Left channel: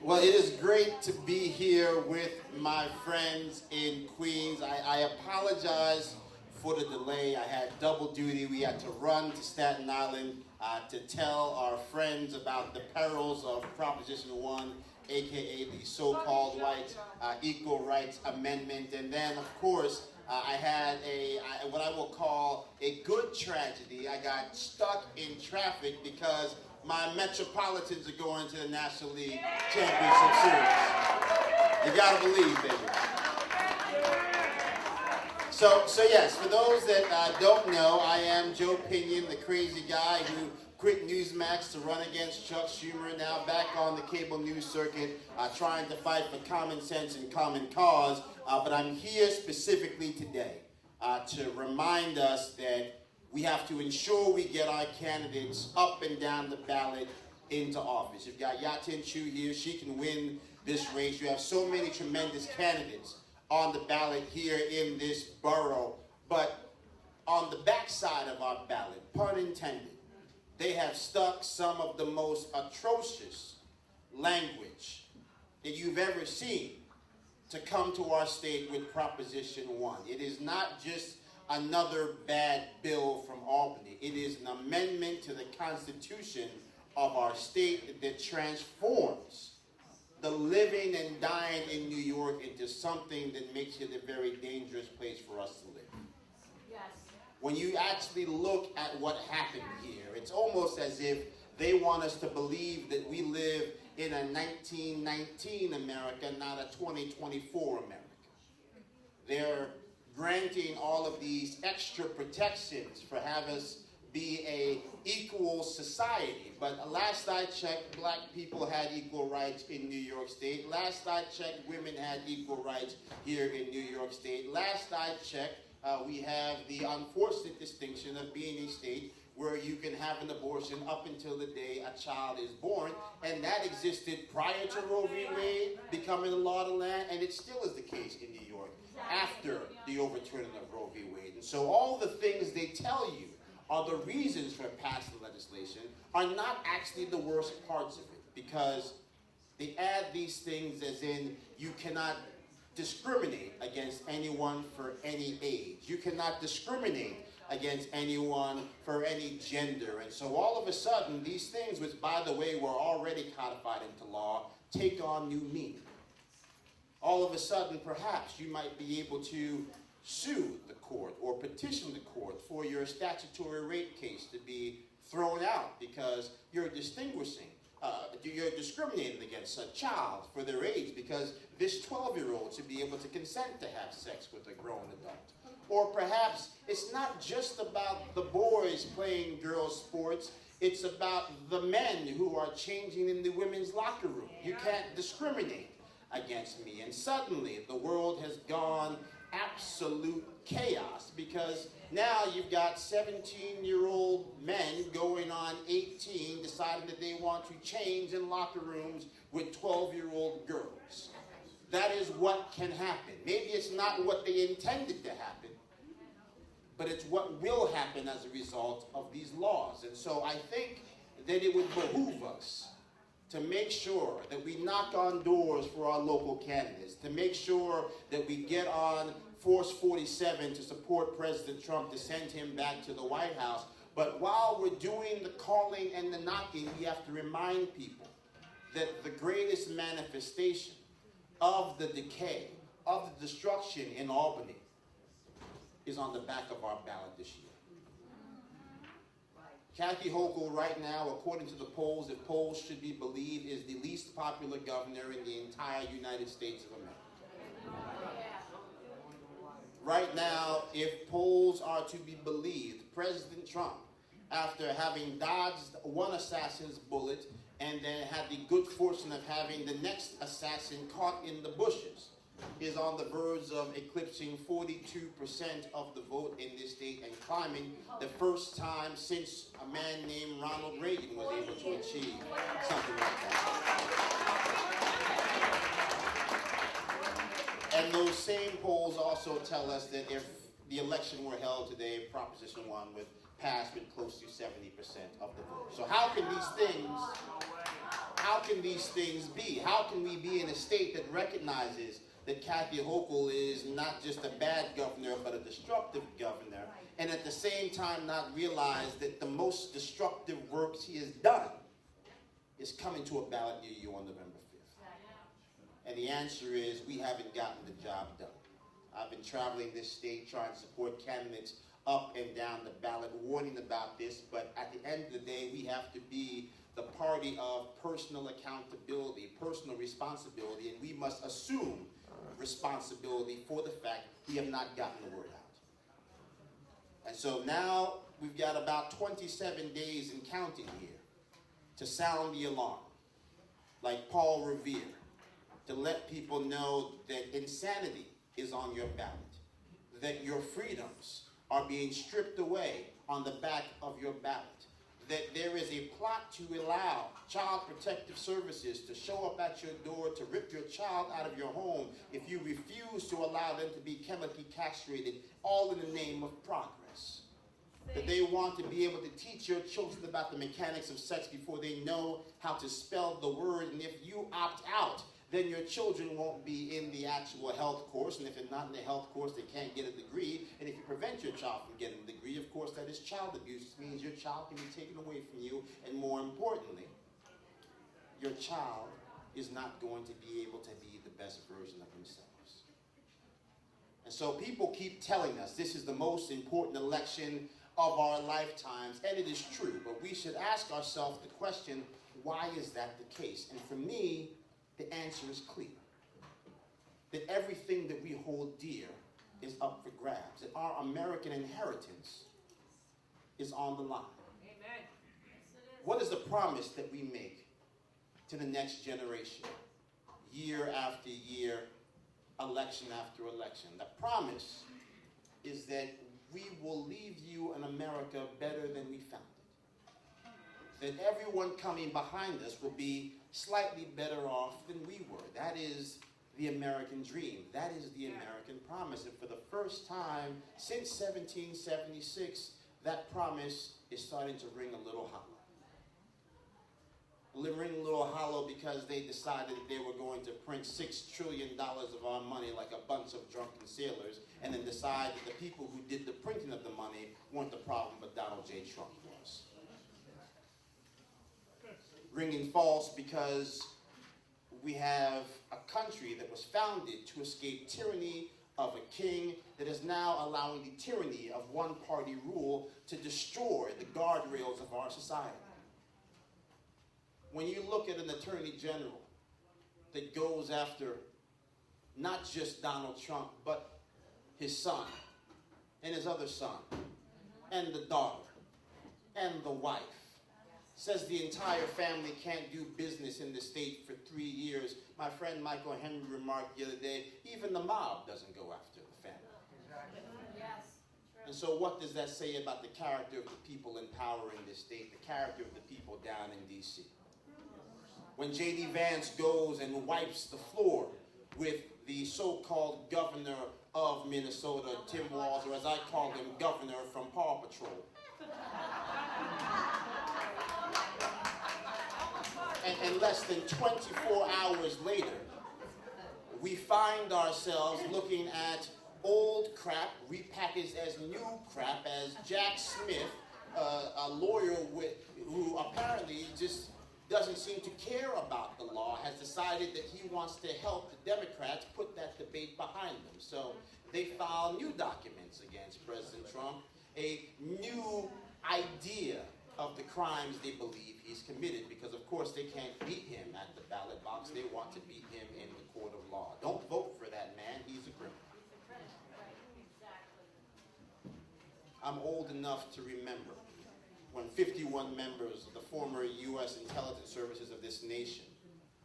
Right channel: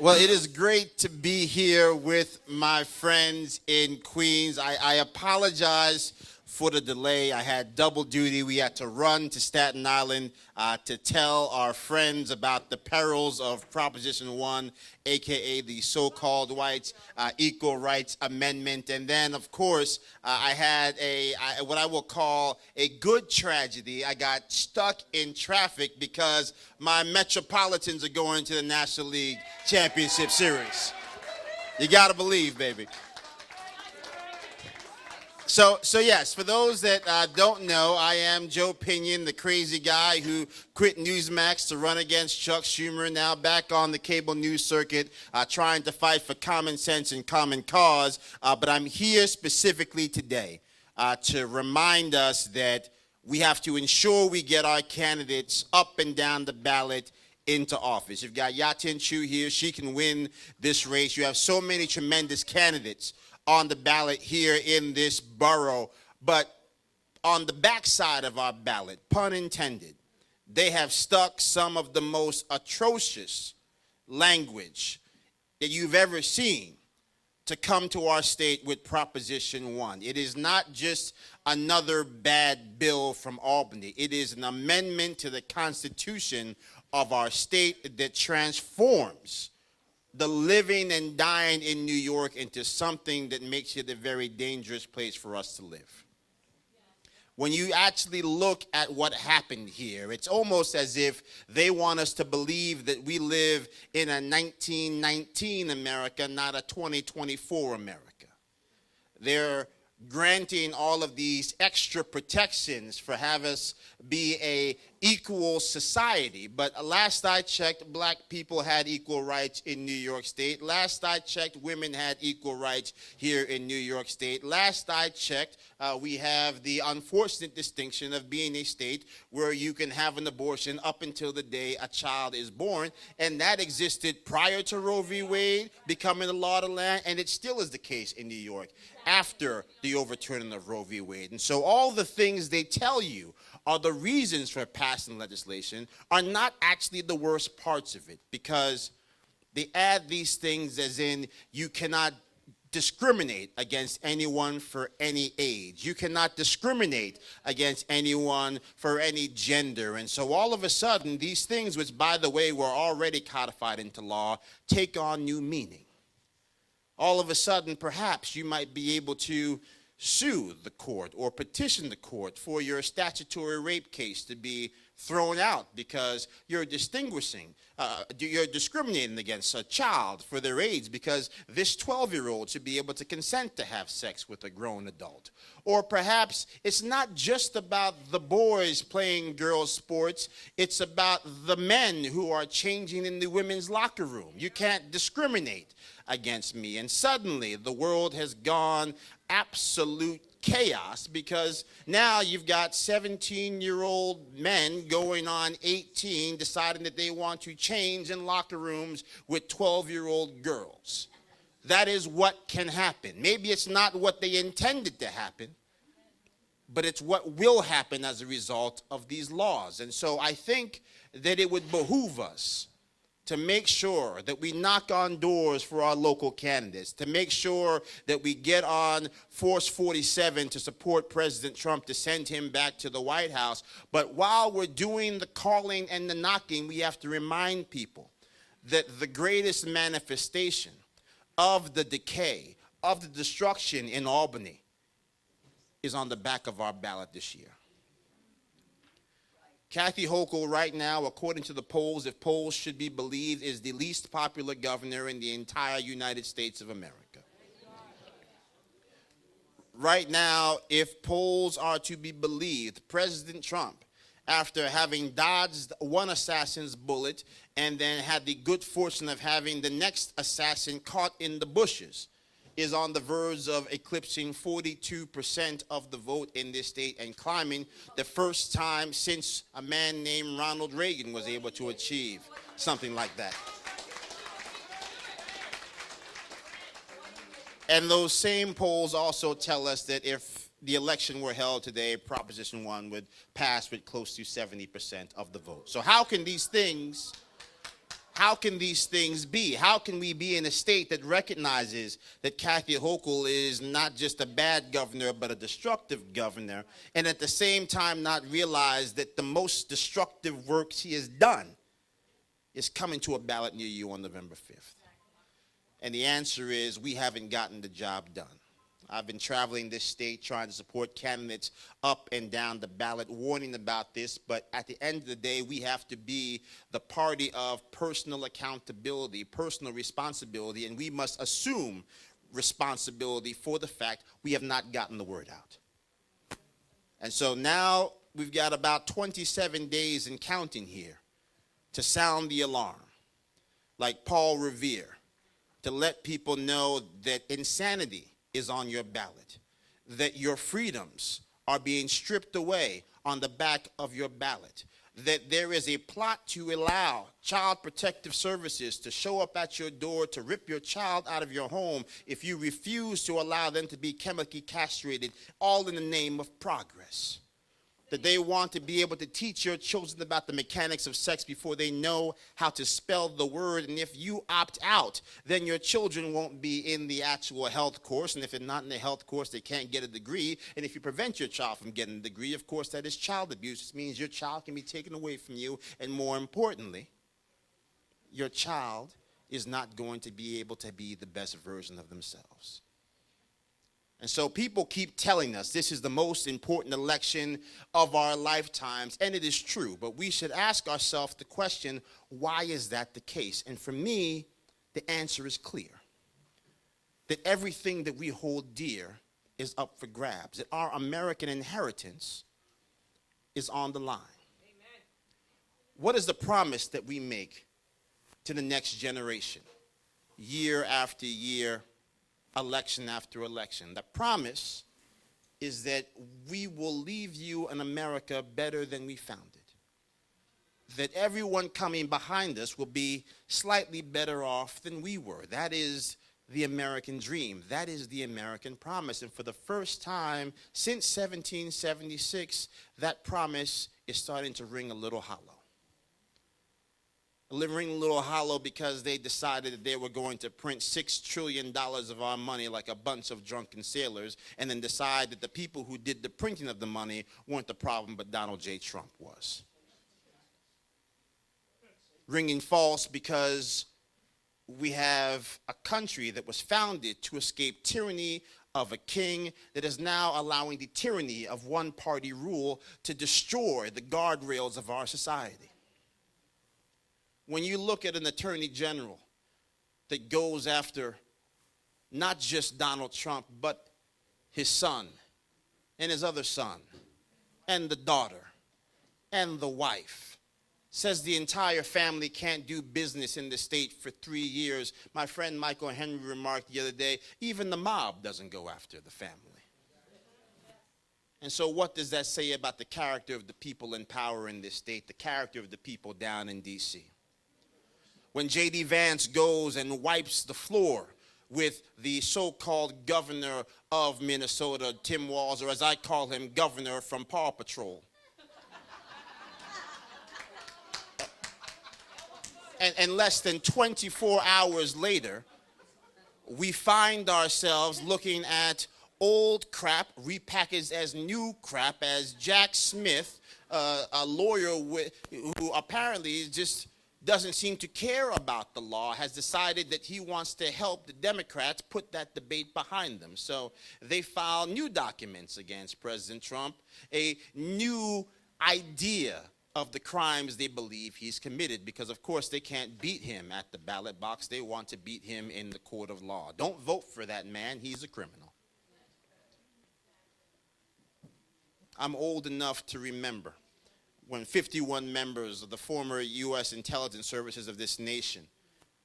Well, it is great to be here with my friends in Queens. I apologize for the delay. I had double duty. We had to run to Staten Island to tell our friends about the perils of Proposition 1, aka the so-called whites Equal Rights Amendment. And then, of course, I had what I will call a good tragedy. I got stuck in traffic because my Metropolitans are going to the National League Championship Series. You gotta believe, baby. So yes, for those that don't know, I am Joe Pinion, the crazy guy who quit Newsmax to run against Chuck Schumer, now back on the cable news circuit, trying to fight for common sense and common cause. But I'm here specifically today to remind us that we have to ensure we get our candidates up and down the ballot into office. You've got Yatin Chu here. She can win this race. You have so many tremendous candidates on the ballot here in this borough. But on the backside of our ballot, pun intended, they have stuck some of the most atrocious language that you've ever seen to come to our state with Proposition 1. It is not just another bad bill from Albany. It is an amendment to the Constitution of our state that transforms the living and dying in New York into something that makes it a very dangerous place for us to live. Yes. When you actually look at what happened here, it's almost as if they want us to believe that we live in a 1919 America, not a 2024 America. They're granting all of these extra protections for have us be a equal society. But last I checked, black people had equal rights in New York State. Last I checked, women had equal rights here in New York State. Last I checked, we have the unfortunate distinction of being a state where you can have an abortion up until the day a child is born, and that existed prior to Roe v. Wade becoming the law of the land, and it still is the case in New York after the overturning of Roe v. Wade. And so all the things they tell you are the reasons for passing legislation are not actually the worst parts of it, because they add these things as in you cannot discriminate against anyone for any age. You cannot discriminate against anyone for any gender. And so all of a sudden, these things, which by the way were already codified into law, take on new meaning. All of a sudden, perhaps you might be able to sue the court or petition the court for your statutory rape case to be thrown out because you're discriminating against a child for their age because this 12-year-old should be able to consent to have sex with a grown adult. Or perhaps it's not just about the boys playing girls' sports, it's about the men who are changing in the women's locker room. You can't discriminate against me. And suddenly the world has gone absolute chaos because now you've got 17-year-old men going on 18 deciding that they want to change in locker rooms with 12-year-old girls. That is what can happen. Maybe it's not what they intended to happen, but it's what will happen as a result of these laws. And so I think that it would behoove us to make sure that we knock on doors for our local candidates, to make sure that we get on Force 47 to support President Trump to send him back to the White House. But while we're doing the calling and the knocking, we have to remind people that the greatest manifestation of the decay, of the destruction in Albany is on the back of our ballot this year. Kathy Hochul right now, according to the polls, if polls should be believed, is the least popular governor in the entire United States of America. Right now, if polls are to be believed, President Trump, after having dodged one assassin's bullet and then had the good fortune of having the next assassin caught in the bushes, is on the verge of eclipsing 42% of the vote in this state and climbing the first time since a man named Ronald Reagan was able to achieve something like that. And those same polls also tell us that if the election were held today, Proposition 1 would pass with close to 70% of the vote. So how can these things How can these things be? How can we be in a state that recognizes that Kathy Hochul is not just a bad governor, but a destructive governor, and at the same time not realize that the most destructive work she has done is coming to a ballot near you on November 5th? And the answer is we haven't gotten the job done. I've been traveling this state trying to support candidates up and down the ballot, warning about this, but at the end of the day, we have to be the party of personal accountability, personal responsibility, and we must assume responsibility for the fact we have not gotten the word out. And so now we've got about 27 days and counting here to sound the alarm, like Paul Revere, to let people know that insanity is on your ballot, that your freedoms are being stripped away on the back of your ballot, that there is a plot to allow child protective services to show up at your door to rip your child out of your home if you refuse to allow them to be chemically castrated, all in the name of progress. That they want to be able to teach your children about the mechanics of sex before they know how to spell the word. And if you opt out, then your children won't be in the actual health course. And if they're not in the health course, they can't get a degree. And if you prevent your child from getting a degree, of course, that is child abuse. This means your child can be taken away from you. And more importantly, your child is not going to be able to be the best version of themselves. And so people keep telling us this is the most important election of our lifetimes, and it is true. But we should ask ourselves the question, why is that the case? And for me, the answer is clear. That everything that we hold dear is up for grabs. That our American inheritance is on the line. Amen. What is the promise that we make to the next generation, year after year, election after election? The promise is that we will leave you an America better than we found it. That everyone coming behind us will be slightly better off than we were. That is the American dream. That is the American promise. And for the first time since 1776, that promise is starting to ring a little hollow. Ring a little hollow because they decided that they were going to print $6 trillion of our money like a bunch of drunken sailors, and then decide that the people who did the printing of the money weren't the problem, but Donald J. Trump was. Ringing false because we have a country that was founded to escape tyranny of a king that is now allowing the tyranny of one-party rule to destroy the guardrails of our society. When you look at an attorney general that goes after not just Donald Trump, but his son and his other son and the daughter and the wife, says the entire family can't do business in the state for 3 years. My friend Michael Henry remarked the other day, even the mob doesn't go after the family. And so what does that say about the character of the people in power in this state, the character of the people down in D.C.? When J.D. Vance goes and wipes the floor with the so-called governor of Minnesota, Tim Walz, or as I call him, governor from Paw Patrol. And less than 24 hours later, we find ourselves looking at old crap repackaged as new crap, as Jack Smith, a lawyer who apparently just doesn't seem to care about the law, has decided that he wants to help the Democrats put that debate behind them. So they file new documents against President Trump, a new idea of the crimes they believe he's committed, because of course they can't beat him at the ballot box. They want to beat him in the court of law. Don't vote for that man. He's a criminal. I'm old enough to remember when 51 members of the former U.S. intelligence services of this nation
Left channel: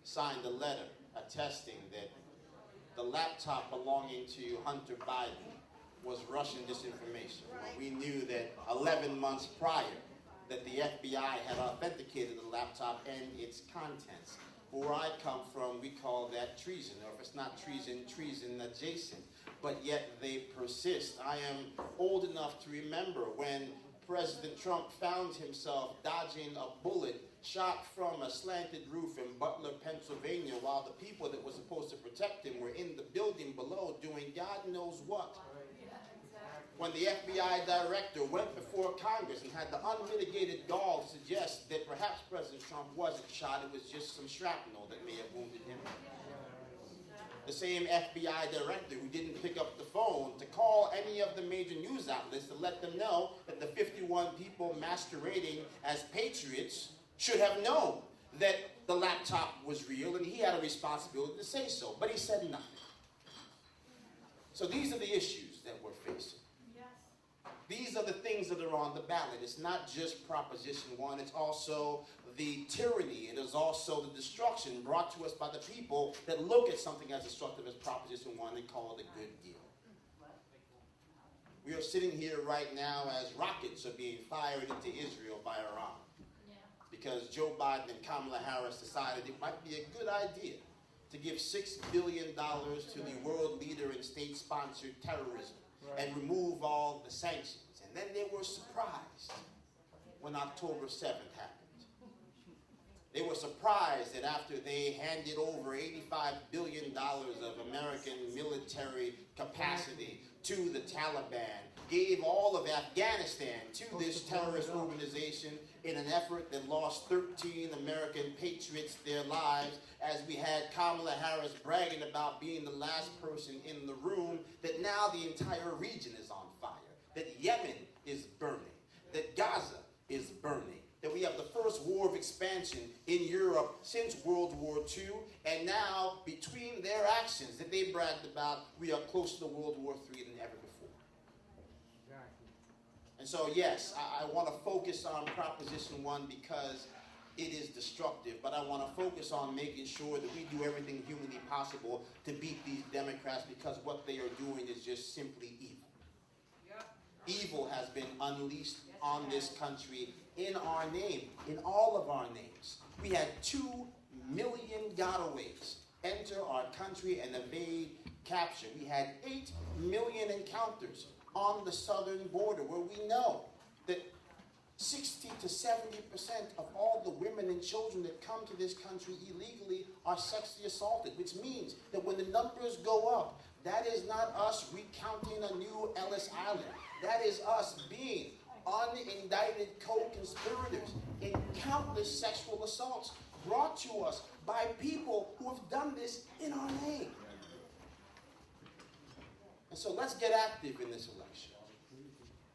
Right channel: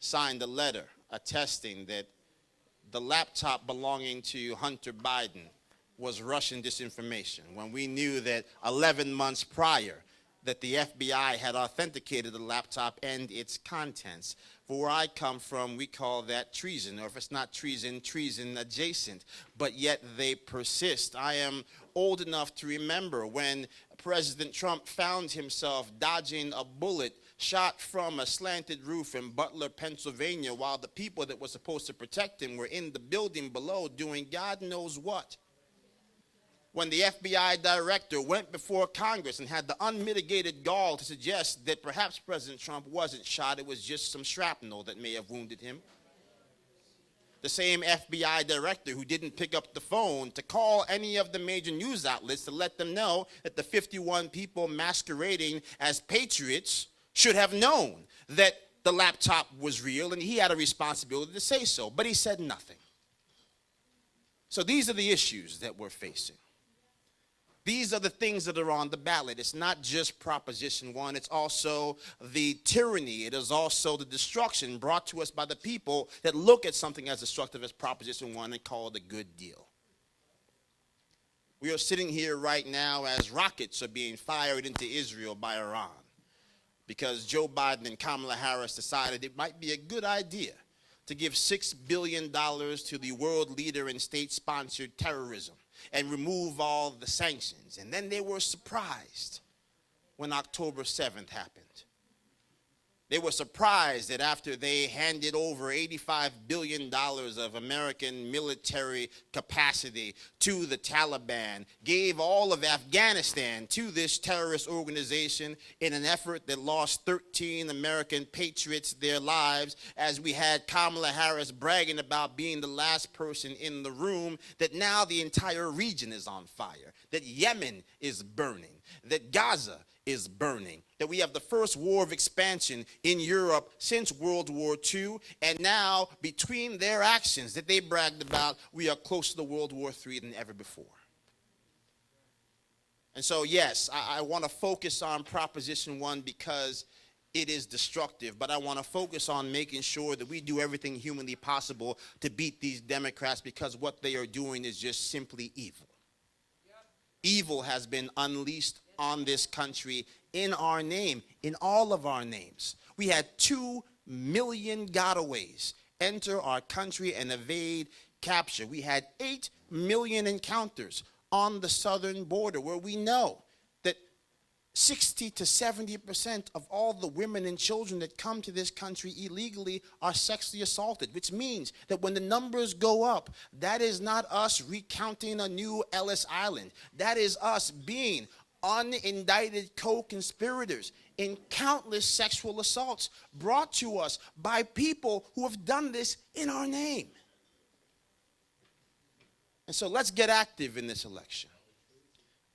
signed a letter attesting that the laptop belonging to Hunter Biden was Russian disinformation, when we knew that 11 months prior that the FBI had authenticated the laptop and its contents. For where I come from, we call that treason, or if it's not treason, treason adjacent. But yet they persist. I am old enough to remember when President Trump found himself dodging a bullet shot from a slanted roof in Butler, Pennsylvania, while the people that were supposed to protect him were in the building below doing God knows what. When the FBI director went before Congress and had the unmitigated gall to suggest that perhaps President Trump wasn't shot, it was just some shrapnel that may have wounded him. The same FBI director who didn't pick up the phone to call any of the major news outlets to let them know that the 51 people masquerading as patriots should have known that the laptop was real, and he had a responsibility to say so, but he said nothing. So these are the issues that we're facing. These are the things that are on the ballot. It's not just Proposition 1. It's also the tyranny. It is also the destruction brought to us by the people that look at something as destructive as Proposition 1 and call it a good deal. We are sitting here right now as rockets are being fired into Israel by Iran because Joe Biden and Kamala Harris decided it might be a good idea to give $6 billion to the world leader in state-sponsored terrorism and remove all the sanctions. And then they were surprised when October 7th happened. They were surprised that after they handed over $85 billion of American military capacity to the Taliban, gave all of Afghanistan to this terrorist organization in an effort that lost 13 American patriots their lives, as we had Kamala Harris bragging about being the last person in the room, that now the entire region is on fire, that Yemen is burning, that Gaza is burning, that we have the first war of expansion in Europe since World War II, and now between their actions that they bragged about, we are closer to World War III than ever before. And so yes, I want to focus on Proposition 1 because it is destructive, but I want to focus on making sure that we do everything humanly possible to beat these Democrats, because what they are doing is just simply evil. Evil has been unleashed on this country in our name, in all of our names. We had 2 million gotaways enter our country and evade capture. We had 8 million encounters on the southern border, where we know that 60 to 70% of all the women and children that come to this country illegally are sexually assaulted, which means that when the numbers go up, that is not us recounting a new Ellis Island. That is us being unindicted co-conspirators in countless sexual assaults brought to us by people who have done this in our name. And so let's get active in this election.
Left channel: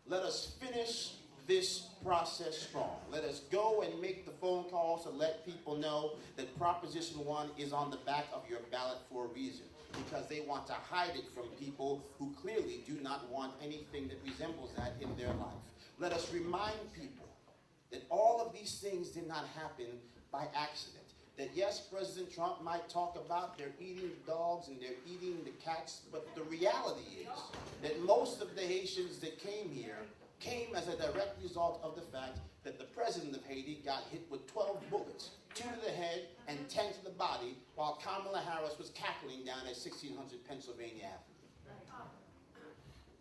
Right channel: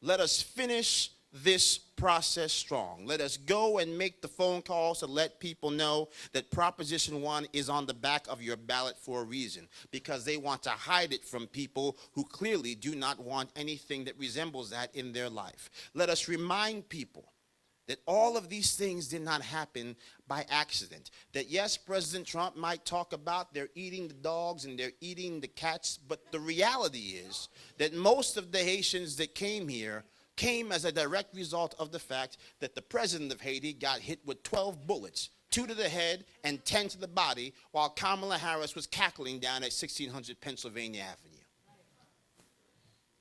Let us finish this process strong. Let us go and make the phone calls to let people know that Proposition 1 is on the back of your ballot for a reason, because they want to hide it from people who clearly do not want anything that resembles that in their life. Let us remind people that all of these things did not happen by accident. That yes, President Trump might talk about they're eating the dogs and they're eating the cats, but the reality is that most of the Haitians that came here came as a direct result of the fact that the president of Haiti got hit with 12 bullets, 2 to the head and 10 to the body, while Kamala Harris was cackling down at 1600 Pennsylvania Avenue.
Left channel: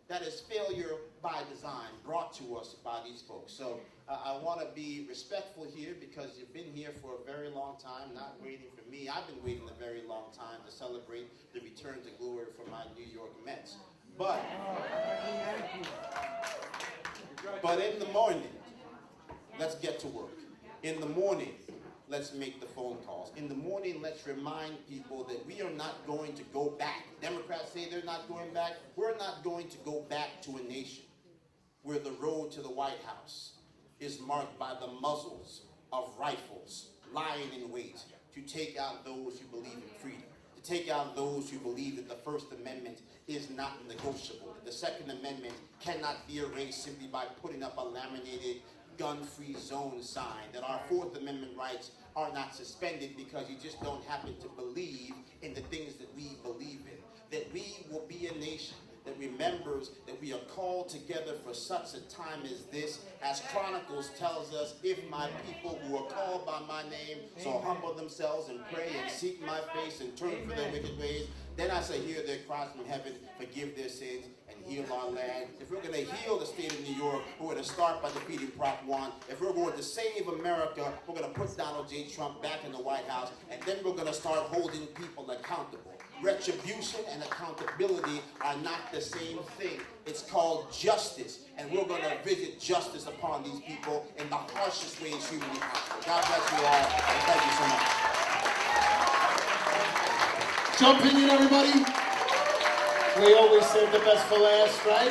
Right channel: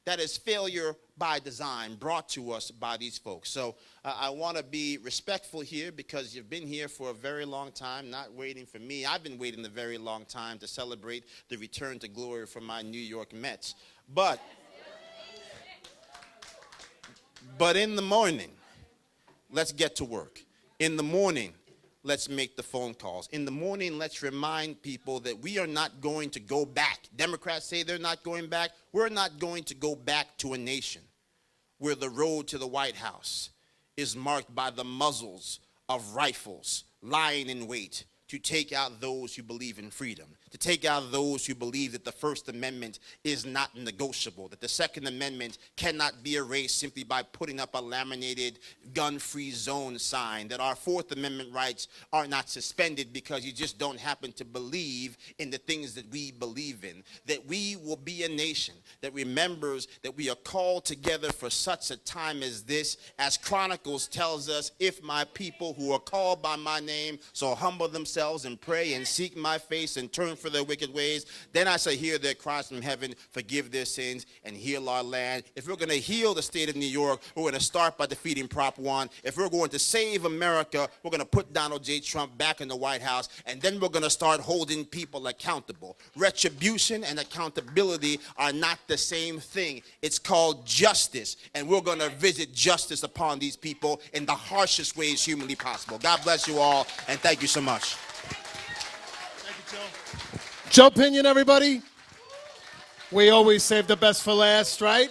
That is failure by design brought to us by these folks. So I want to be respectful here, because you've been here for a very long time, not waiting for me. I've been waiting a very long time to celebrate the return to glory from my New York Mets. But in the morning, let's get to work. In the morning, let's make the phone calls. In the morning, let's remind people that we are not going to go back. Democrats say they're not going back. We're not going to go back to a nation where the road to the White House is marked by the muzzles of rifles lying in wait to take out those who believe in freedom, to take out those who believe that the First Amendment is not negotiable, that the Second Amendment cannot be erased simply by putting up a laminated gun-free zone sign, that our Fourth Amendment rights are not suspended because you just don't happen to believe in the things that we believe in, that we will be a nation that remembers that we are called together for such a time as this. As Chronicles tells us, if my people who are called by my name so humble themselves and pray and seek my face and turn from their wicked ways, then I shall hear their cries from heaven, forgive their sins, and heal our land. If we're going to heal the state of New York, we're going to start by defeating Prop 1. If we're going to save America, we're going to put Donald J. Trump back in the White House, and then we're going to start holding people accountable. Retribution and accountability are not the same thing. It's called justice, and we're going to visit justice upon these people in the harshest ways humanly possible. God bless you all, and thank you so much. Joe Pinion, everybody. We always save the best for last, right?